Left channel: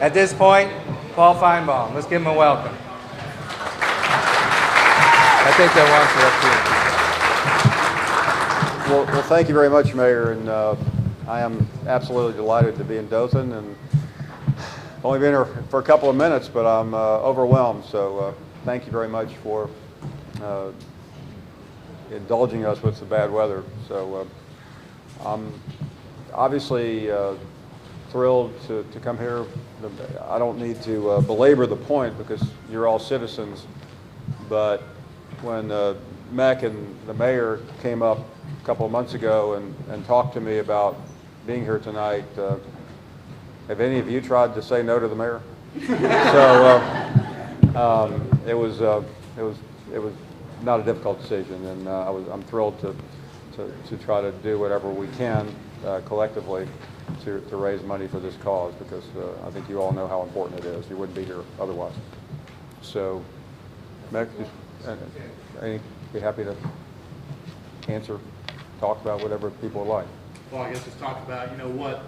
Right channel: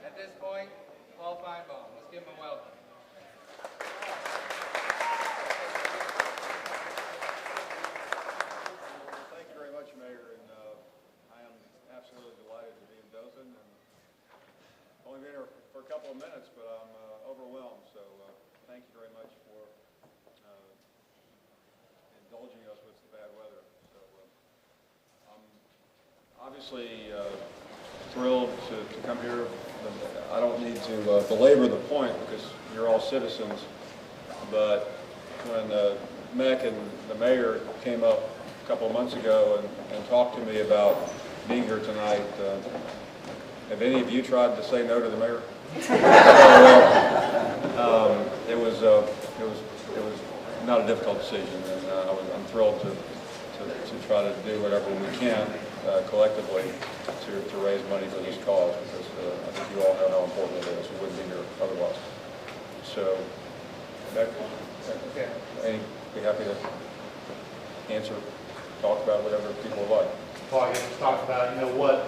At this point, Paul Finebaum. Let's give him a welcome. I think they want you up here. Well, thank you very much, Mayor, and I am absolutely delighted to be in Dothan, and only been here for a couple of minutes, but I'm overwhelmed. So thank you very much for indulging us with the bad weather. So I'm obviously thrilled to come here. I don't need to belabor the point because you're all citizens, but when MEC and the mayor came up a couple of months ago and talked to me about being here tonight, have any of you tried to say no to the mayor? So it was not a difficult decision, and I'm thrilled to try to do whatever we can collectively to raise money for this cause, because I think you all know how important it is. We wouldn't be here otherwise. So, MEC, I'd be happy to answer, talk about whatever people would like. Well, I guess talk about, what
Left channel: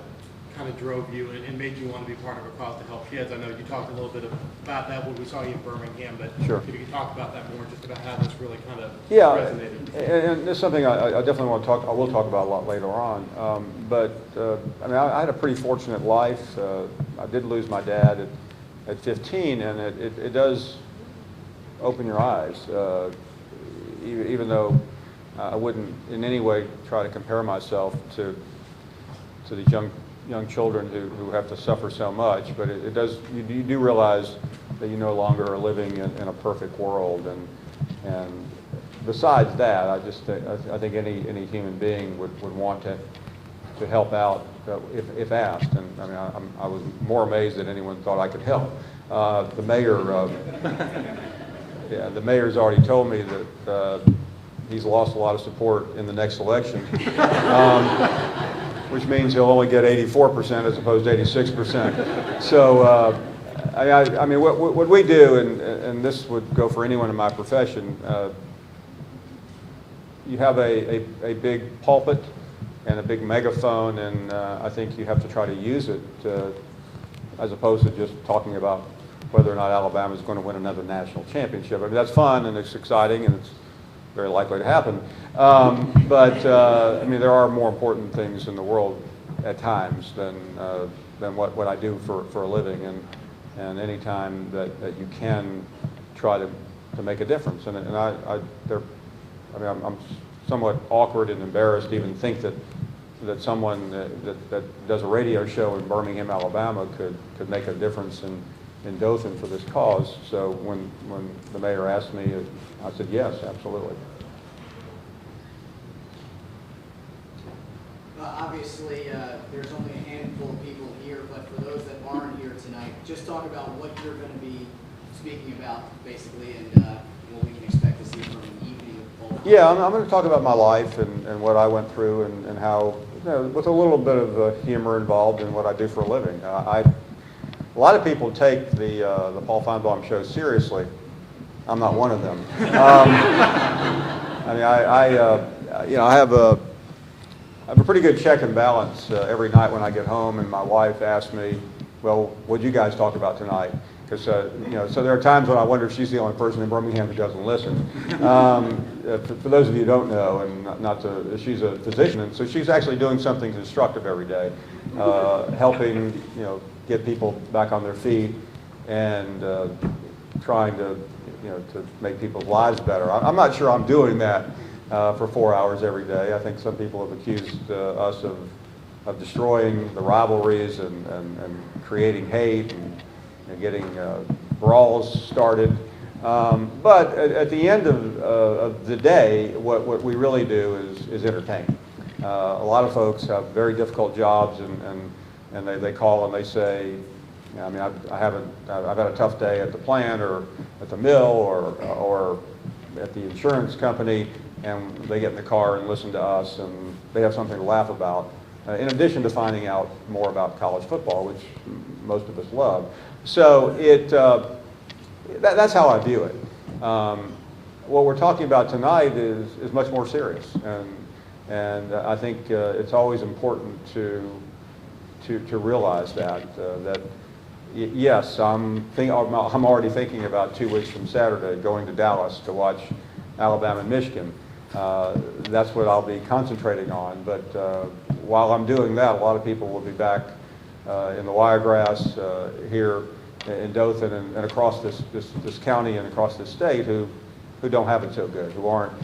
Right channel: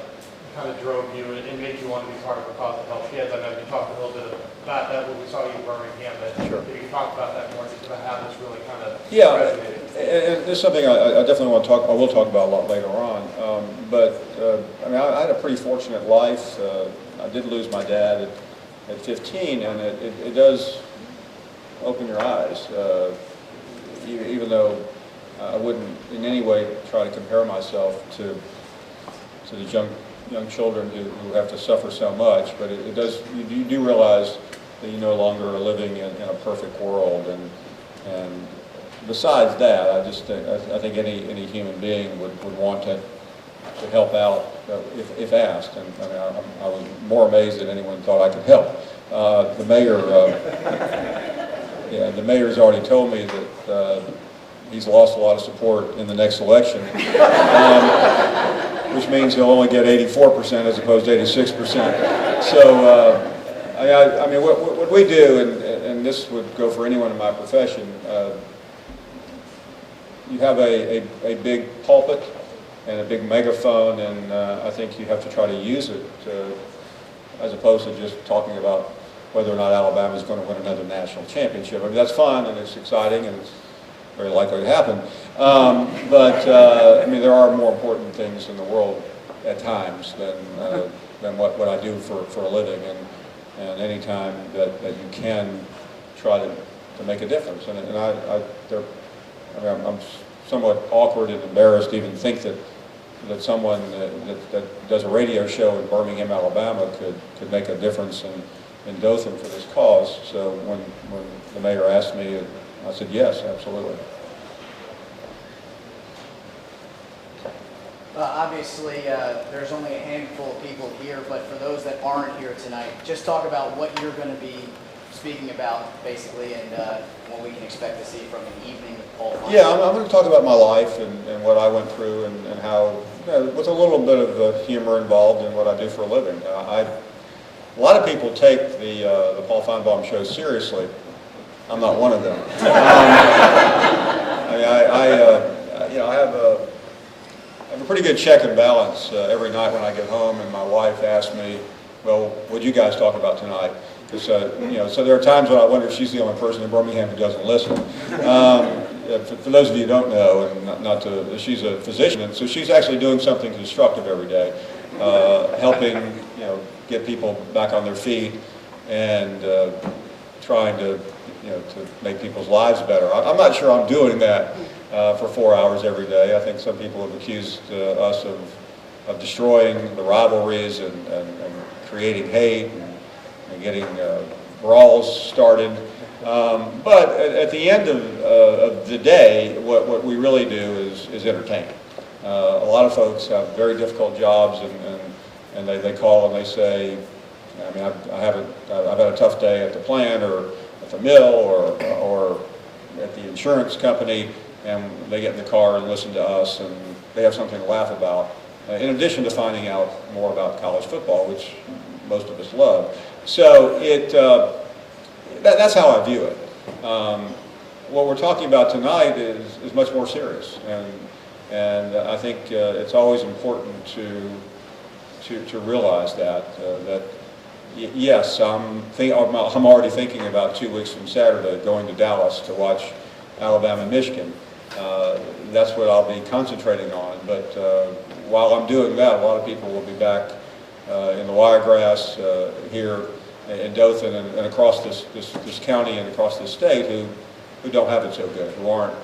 kind of drove you and made you want to be part of a cause to help kids. I know you talked a little bit about that when we saw you in Birmingham, but sure. If you could talk about that more, just about how this really kind of resonated. And it's something I definitely want to talk. I will talk about a lot later on. I mean, I had a pretty fortunate life. I did lose my dad at 15, and it does open your eyes. Even though I wouldn't in any way try to compare myself to these young children who have to suffer so much, but it does. You do realize that you no longer are living in a perfect world, and besides that, I think any human being would want to help out if asked, and I mean I was more amazed than anyone thought I could help. The mayor, the mayor's already told me that he's lost a lot of support in the next election. Which means he'll only get 84% as opposed to 86%. So, I mean, what we do, and this would go for anyone in my profession, you have a big pulpit and a big megaphone, and I think you have to try to use it as opposed to just talking about whether or not Alabama is going to win another national championship. I mean, that's fun and it's exciting and it's very likely to happen. I mean, there are more important things in the world at times than what I do for a living, and any time that you can try to make a difference. And I'm somewhat awkward and embarrassed to even think that someone that does a radio show in Birmingham, Alabama could make a difference in Dothan for this cause. So when the mayor asked me, I said yes, absolutely. Obviously, there's only a handful of people here, but for those that aren't here tonight, just talk about what you're going to be speaking about, basically, and what we can expect to see from an evening with Paul Finebaum. Yeah, I'm going to talk about my life and what I went through and how, with a little bit of humor involved in what I do for a living. A lot of people take the Paul Finebaum show seriously. I'm not one of them. I mean, I have a pretty good check and balance every night when I get home, and my wife asks me, well, what'd you guys talk about tonight? Because, so there are times when I wonder if she's the only person in Birmingham who doesn't listen. For those of you who don't know, and she's a physician, and so she's actually doing something constructive every day, helping, get people back on their feet and trying to make people's lives better. I'm not sure I'm doing that for 4 hours every day. I think some people have accused us of destroying the rivalries and creating hate and getting brawls started. But at the end of the day, what we really do is entertain. A lot of folks have very difficult jobs, and they call and they say, I mean, I've had a tough day at the plant or at the mill or at the insurance company, and they get in the car and listen to us, and they have something to laugh about, in addition to finding out more about college football, which most of us love. So that's how I view it. What we're talking about tonight is much more serious, and I think it's always important to realize that yes, I'm already thinking about 2 weeks from Saturday going to Dallas to watch Alabama and Michigan. That's what I'll be concentrating on. But while I'm doing that, a lot of people will be back in the Wiregrass here in Dothan and across this county and across this state who don't have it so good, who aren't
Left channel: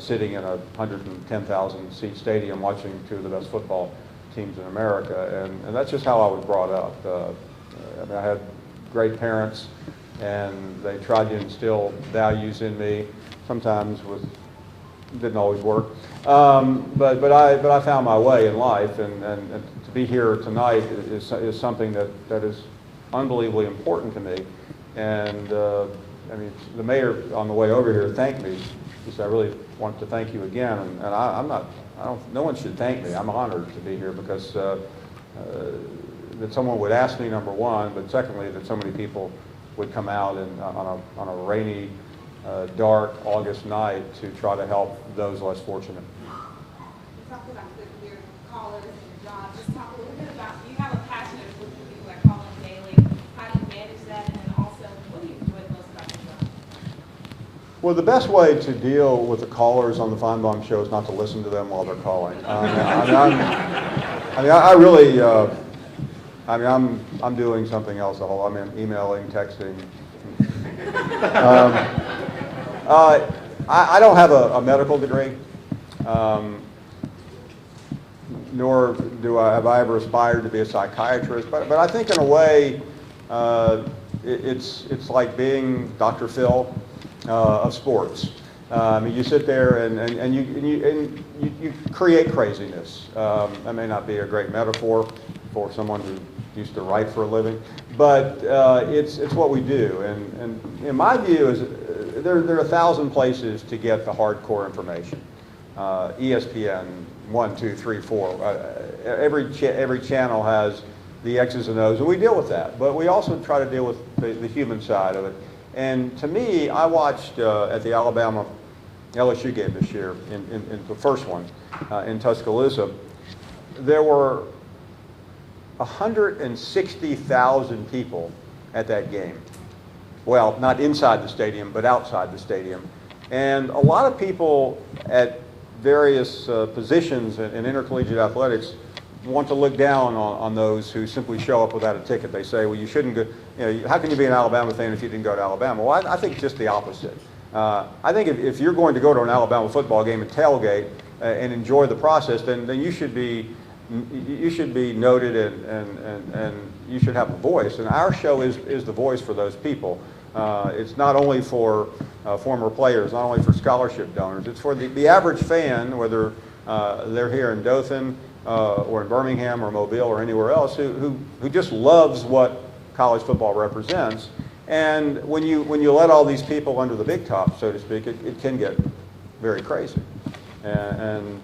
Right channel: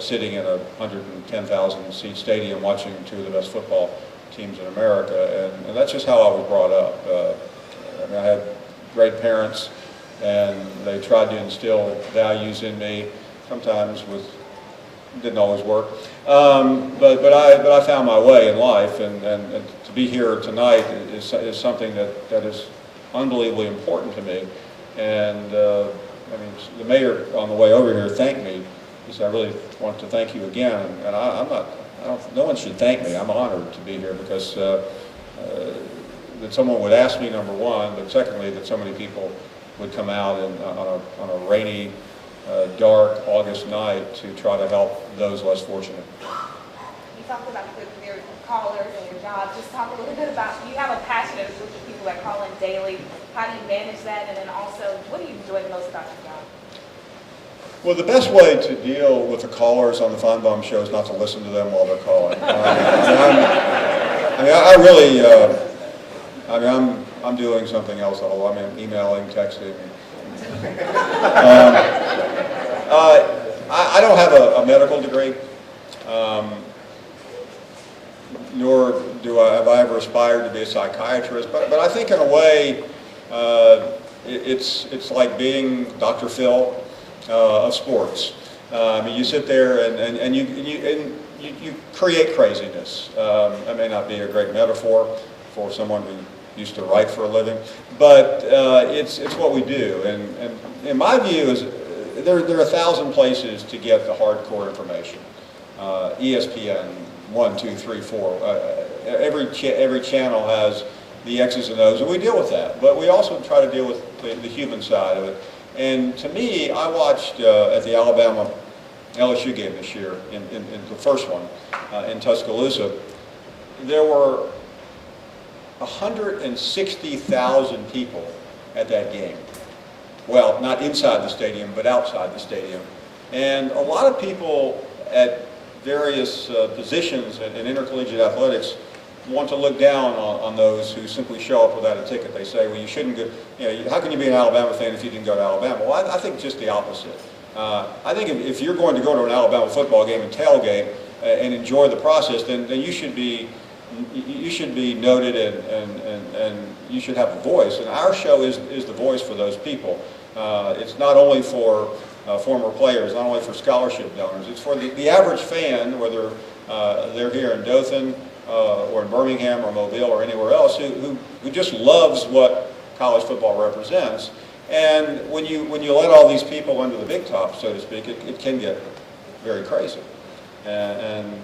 sitting in a 110,000 seat stadium watching two of the best football teams in America. And that's just how I was brought up. I had great parents, and they tried to instill values in me, sometimes didn't always work. But I found my way in life, and to be here tonight is something that is unbelievably important to me. And I mean, the mayor on the way over here thanked me. He said, "I really want to thank you again." And no one should thank me. I'm honored to be here because that someone would ask me, number one, but secondly, that so many people would come out on a rainy, dark August night to try to help those less fortunate. You talked about your callers and your job. Just talk a little bit about, you have a passionate group of people that call in daily. How do you manage that? And then also, what do you enjoy the most about your job? Well, the best way to deal with the callers on the Finebaum show is not to listen to them while they're calling. I'm doing something else. I'm emailing, texting. I don't have a medical degree, nor have I ever aspired to be a psychiatrist. But I think in a way, it's like being Dr. Phil of sports. You sit there and you create craziness. That may not be a great metaphor for someone who used to write for a living, but it's what we do. And in my view, is there are 1,000 places to get the hardcore information. ESPN, 1, 2, 3, 4. Every channel has the X's and O's, and we deal with that. But we also try to deal with the human side of it. And to me, I watched at the Alabama LSU game this year, in the first one in Tuscaloosa. There were 160,000 people at that game. Well, not inside the stadium, but outside the stadium. And a lot of people at various positions in intercollegiate athletics want to look down on those who simply show up without a ticket. They say, well, you shouldn't go, how can you be an Alabama fan if you didn't go to Alabama? Well, I think just the opposite. I think if you're going to go to an Alabama football game and tailgate and enjoy the process, then you should be noted and you should have a voice. And our show is the voice for those people. It's not only for former players, not only for scholarship donors. It's for the average fan, whether they're here in Dothan or in Birmingham or Mobile or anywhere else, who just loves what college football represents. And when you let all these people under the big top, so to speak, it can get very crazy. And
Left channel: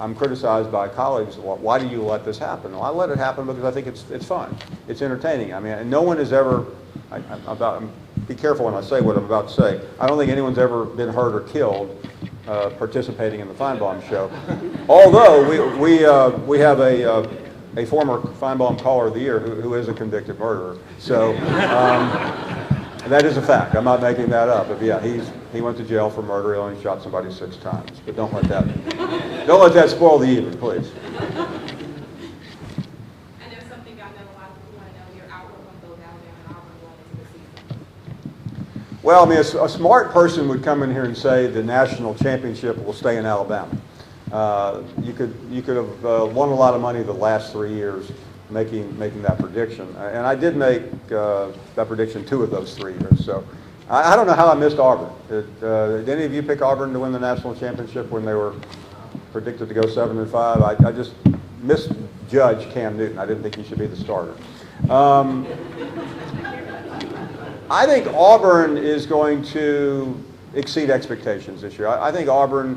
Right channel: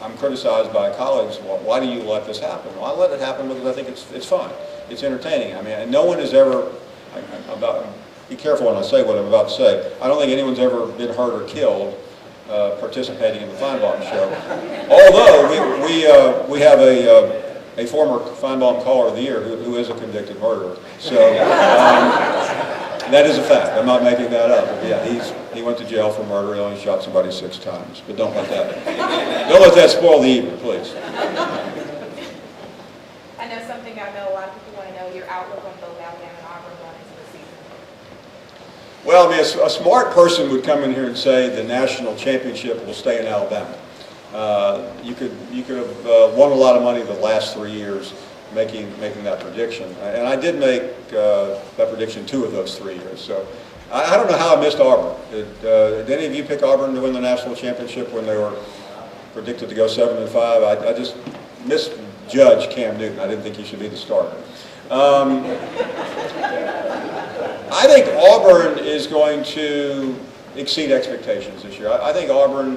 I'm criticized by colleagues, well, why do you let this happen? Well, I let it happen because I think it's fun. It's entertaining. I mean, and no one has ever, be careful when I say what I'm about to say, I don't think anyone's ever been hurt or killed participating in the Finebaum show. Although we have a former Finebaum Caller of the Year who is a convicted murderer. So that is a fact. I'm not making that up. But yeah, he went to jail for murder. He only shot somebody 6 times. But don't let that spoil the evening, please. I know something I know a lot of people want to know, your outlook on both Alabama and Auburn going into the season. Well, I mean, a smart person would come in here and say the national championship will stay in Alabama. You could have won a lot of money the last 3 years making that prediction. And I did make that prediction 2 of those 3 years. So I don't know how I missed Auburn. Did any of you pick Auburn to win the national championship when they were predicted to go 7-5? I just misjudged Cam Newton. I didn't think he should be the starter. I think Auburn is going to exceed expectations this year. I think Auburn,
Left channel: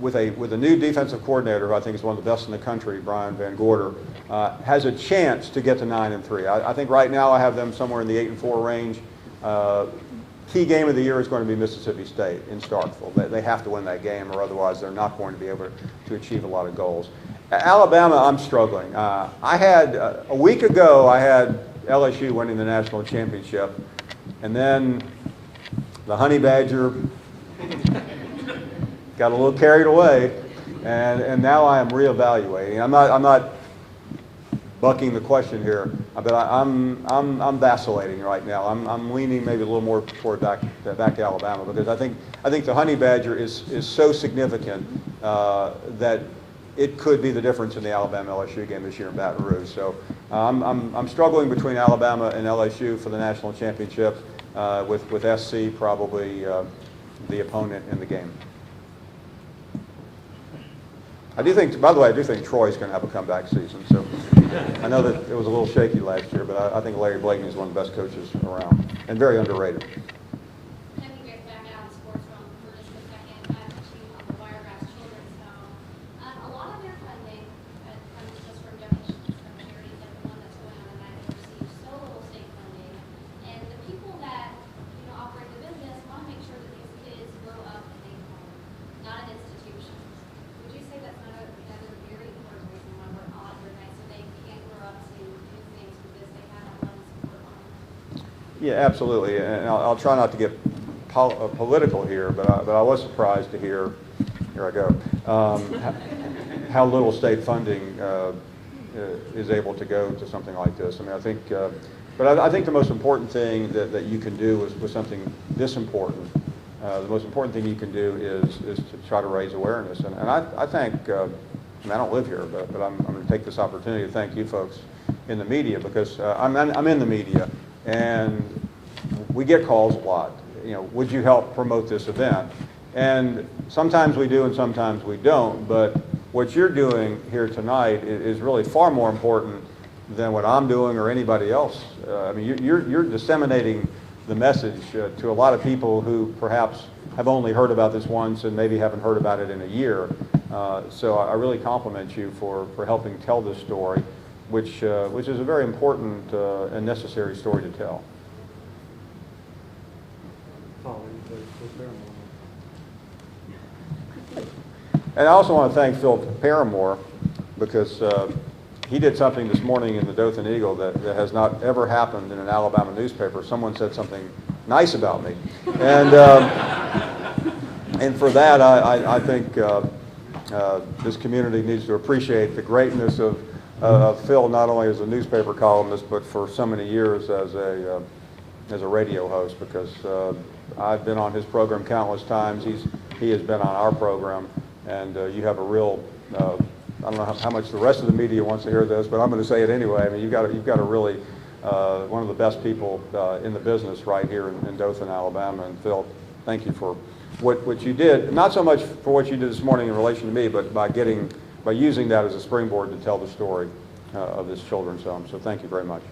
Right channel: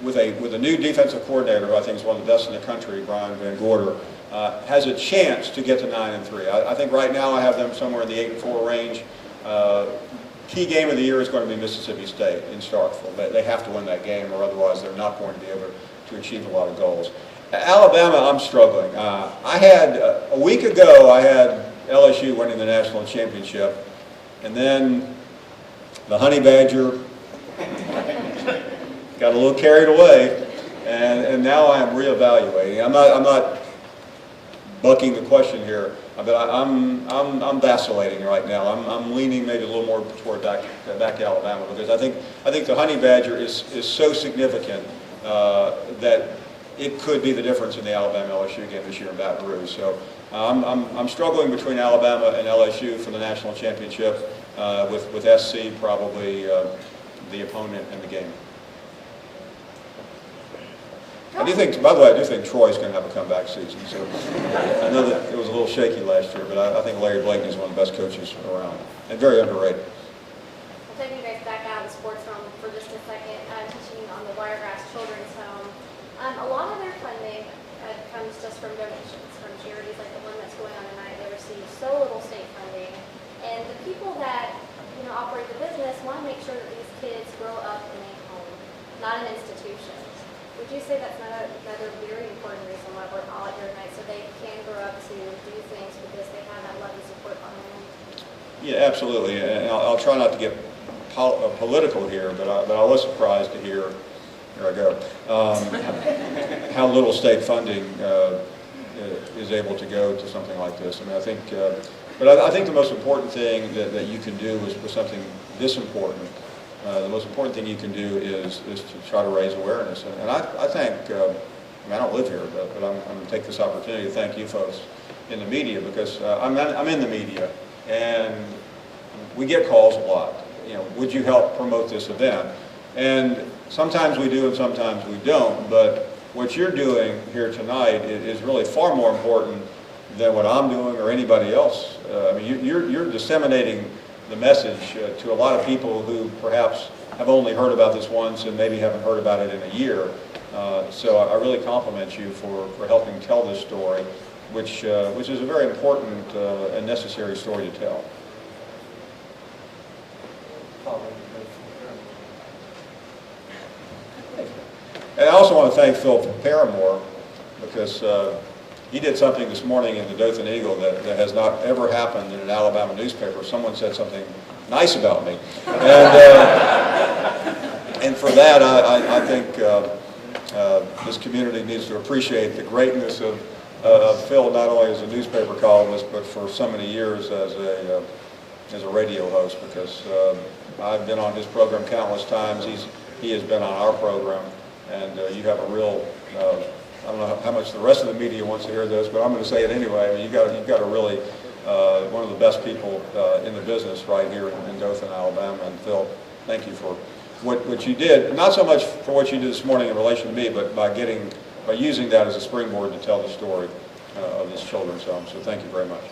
with a new defensive coordinator, who I think is one of the best in the country, Brian Van Gorder, has a chance to get to 9-3. I think right now I have them somewhere in the 8-4 range. Key game of the year is going to be Mississippi State in Starkville. They have to win that game, or otherwise they're not going to be able to achieve a lot of goals. Alabama, I'm struggling. I had, a week ago, I had LSU winning the national championship, and then the Honey Badger got a little carried away, and now I am reevaluating. I'm not bucking the question here, but I'm vacillating right now. I'm leaning maybe a little more toward back to Alabama, because I think the Honey Badger is so significant that it could be the difference in the Alabama-LSU game this year in Baton Rouge. So I'm struggling between Alabama and LSU for the national championship, with SC probably the opponent in the game. I do think, by the way, I do think Troy's going to have a comeback season. So I know that it was a little shaky last year, but I think Larry Blakeney is one of the best coaches around and very underrated. I'll take you guys back out of the sports realm for just a second, teaching on the Wiregrass Children's Home. A lot of their funding comes just from donations from charities like the one that's going on tonight. They receive so little state funding, and the people that operate the business want to make sure that these kids grow up in a home, not an institution. Would you say that's another very important reason why we're all here tonight, so they can grow up to do things because they have that love and support behind them? Yeah, absolutely. And I'll try not to get political here, but I was surprised to hear I go, how little state funding is able to go to something like this. I mean, I think, but I think the most important thing that you can do is with something this important. The most important thing you can do is to try to raise awareness. And I think, I mean, I don't live here, but I'm going to take this opportunity to thank you folks in the media, because I'm in the media, and we get calls a lot. Would you help promote this event? And sometimes we do and sometimes we don't, but what you're doing here tonight is really far more important than what I'm doing or anybody else. I mean, you're disseminating the message to a lot of people who perhaps have only heard about this once and maybe haven't heard about it in a year. So I really compliment you for helping tell this story, which is a very important and necessary story to tell. And I also want to thank Phil Paramore, because he did something this morning in the Dothan Eagle that has not ever happened in an Alabama newspaper. Someone said something nice about me. And for that, I think this community needs to appreciate the greatness of Phil, not only as a newspaper columnist, but for so many years as a radio host, because I've been on his program countless times. He has been on our program, and you have a real, I don't know how much the rest of the media wants to hear this, but I'm going to say it anyway. I mean, you've got a really, one of the best people in the business right here in Dothan, Alabama. And Phil, thank you for what you did, not so much for what you did this morning in relation to me, but by using that as a springboard to tell the story of this children's home. So thank you very much.